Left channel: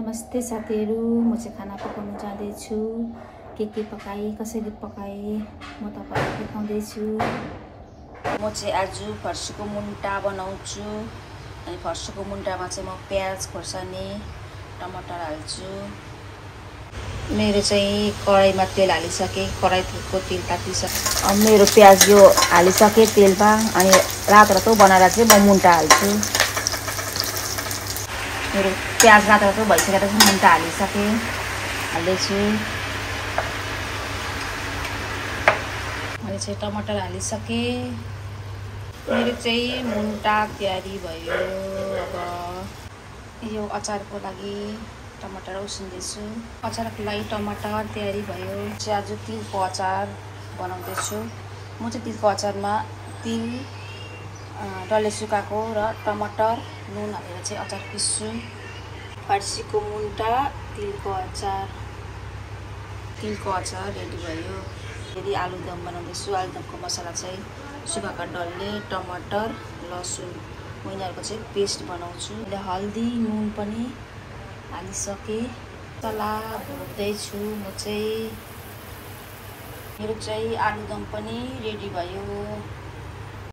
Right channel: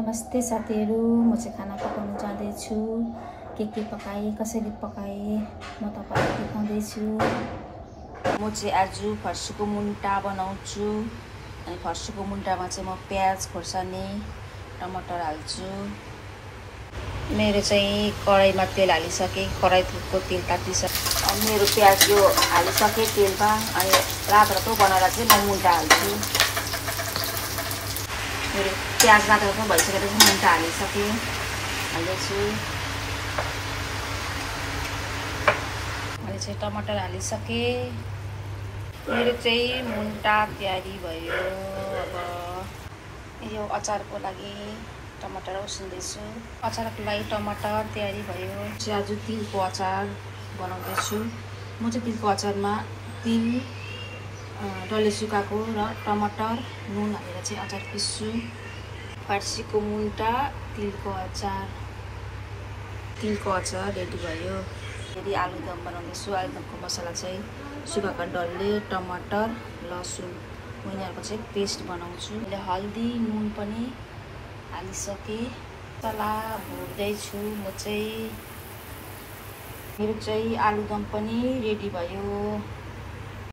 नमस्ते साथीहरु, म चाहिँ खाना पकाउन जाँदै छु। के पकाए, कसरी पकाए म तपाईहरुलाई देखाउँदै छु। म चाहिँ आज फर्सीको मुन्टा बनाउँछु। अनि फर्सीको मुन्टामा चाहिँ म प्याज खोर्सानी टमाटर हाल्छु। मेरो चाहिँ कराईमा तेल हालिसके, कराईको तेल तातिसके। मेरो प्याज यो हालिसके तेलमा। अनि रातो बनाएर चाहिँ म मुन्टा हाल्छु। मेरो प्याज रातो भइसकेर चाहिँ मुन्टा हालिसके, हाल्दैछु। अनि चाहिँ टमाटर हालिसके। मेरो चाहिँ मुन्टा तयारी भयो। अब यो अचारको लागि टमाटर उसिन्दैछु। अचारको लागि टमाटर तयारी भयो। चाहिँ आज तिलको अचार बनाउँदैछु। म चाहिँ तिलको अचारमा तिल, डल्ले सुकाएको र टमाटर नुन हालेर चाहिँ अचार पिस्छु। फर्सीको मुन्टा तिलको अचार रेडी भयो। फेरि आलुदम बनाउँदैछु। आलुदमको मसला चाहिँ सुकाएको डल्ले, टमाटर, लसुन यिनीहरूको चाहिँ पेस्ट बनाउँछु। अहिले हल्दी नुन पनि हालिसके। मसला भुट्दैछु म चाहिँ। मेरो चाहिँ आलुदम पनि रेडी भयो।